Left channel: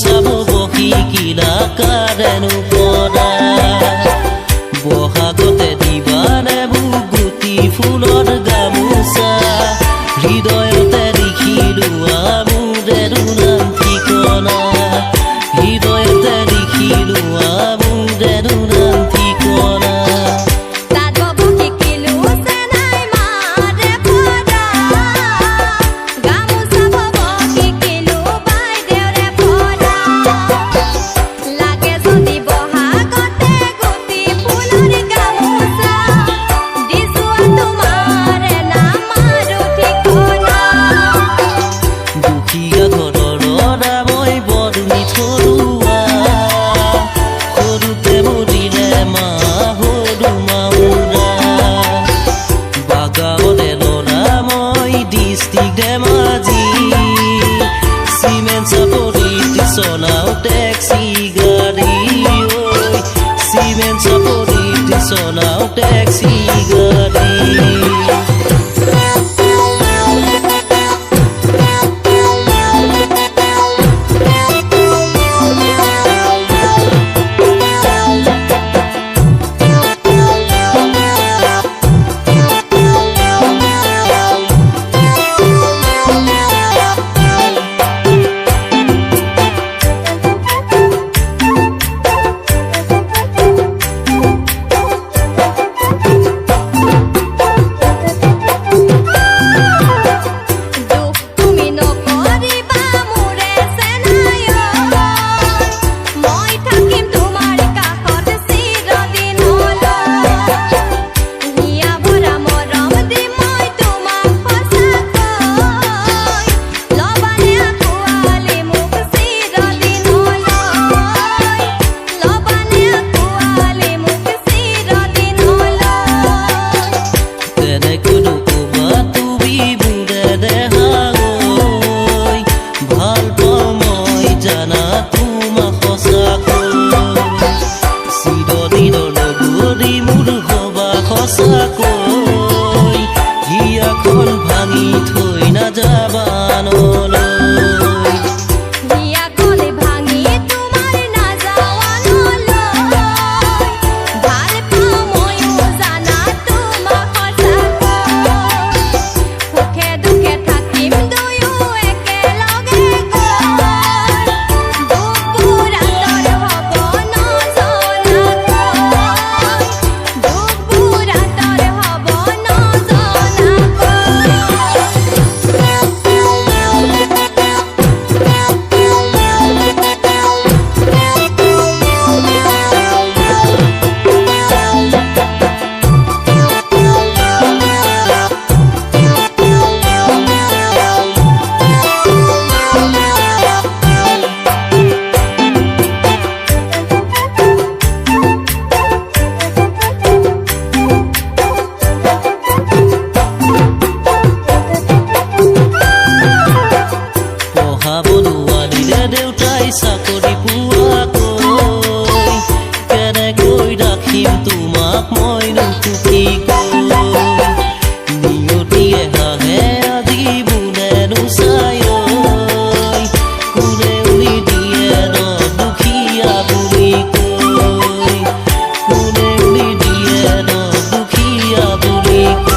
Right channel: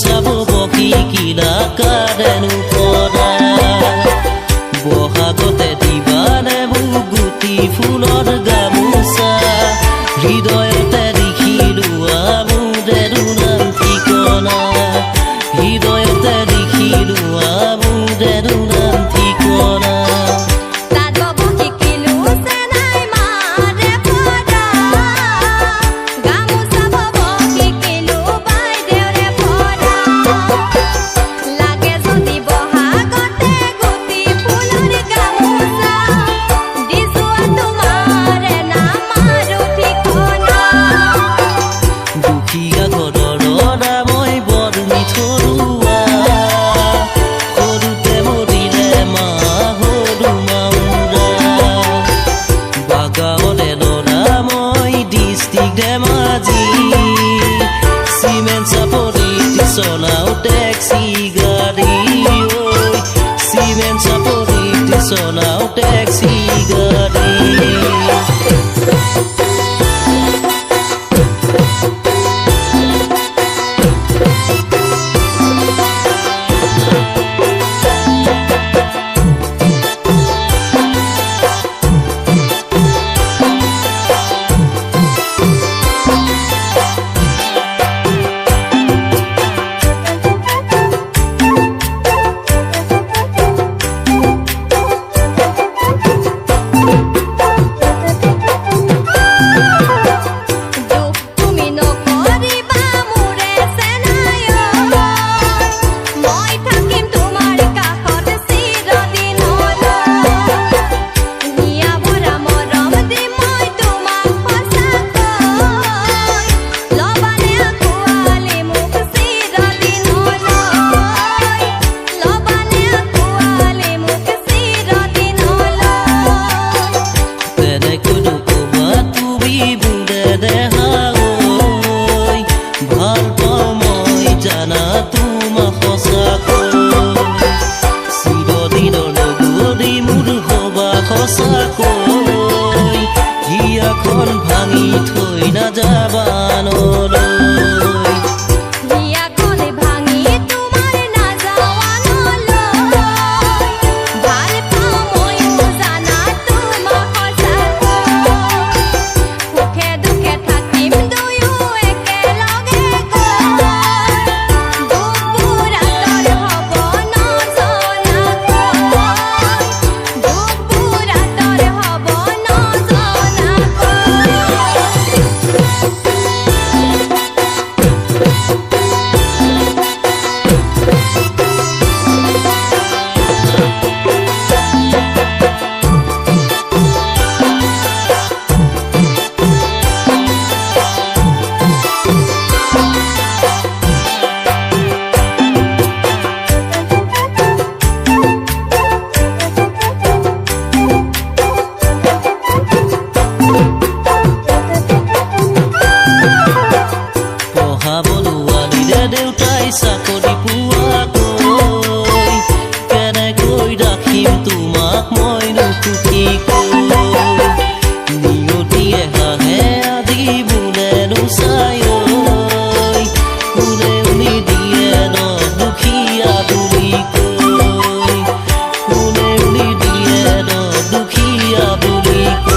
চাব বহি কিলা কাৰেনো পৰা বহাগতে দিবানে মোক গুটি ফুলৰ গামোচা হৃদয়তে লিখিলো আমোদেৰো নাম ঠিকনা হৃদয়তে লিখিলো আমোদেৰো নাম ঠিকনা মই বৰ মিঠৰুৱা সৰুতে মৰিলে মা সৰু মাউৰা বাগাৱতে ল'ৰা মই ডিষ্ট্ৰিক্ট ধেমাজি চিমেণ্ট চাপৰিত চলাও টেক্সি গাড়ী ঐ চিমেণ্ট চাপৰিত চলাও টেক্সি গাড়ী ভাল পাওঁ মই জানা তোমাক সঁচাকৈ চিৰদিনৰ লগৰী মোৰ হবা সঁচাকৈ হিয়াখন ভাঙি থৈ নাযাবা নলৈ হিয়াখন ভাঙি তোমাৰ নাযাৱা নলৈ ভাল পাওঁ ময়ো জানা তোমাক সঁচাকৈ সুখে দুখে থাকিম দুয়ো বৰুৱালীৰে দেউতাই চাকৰি পোৱাকৈ কেনেকৈ ৰাখিম তোমাক মইনো সুখীকৈ নিয়তিয়ে হাঁহে আজি বোলেনো চাই কোনে উলি দিয়ে ন দুখীয়া বুলি কৈ কোনে উলি দিয়ে ন দুখীয়া বুলি কৈ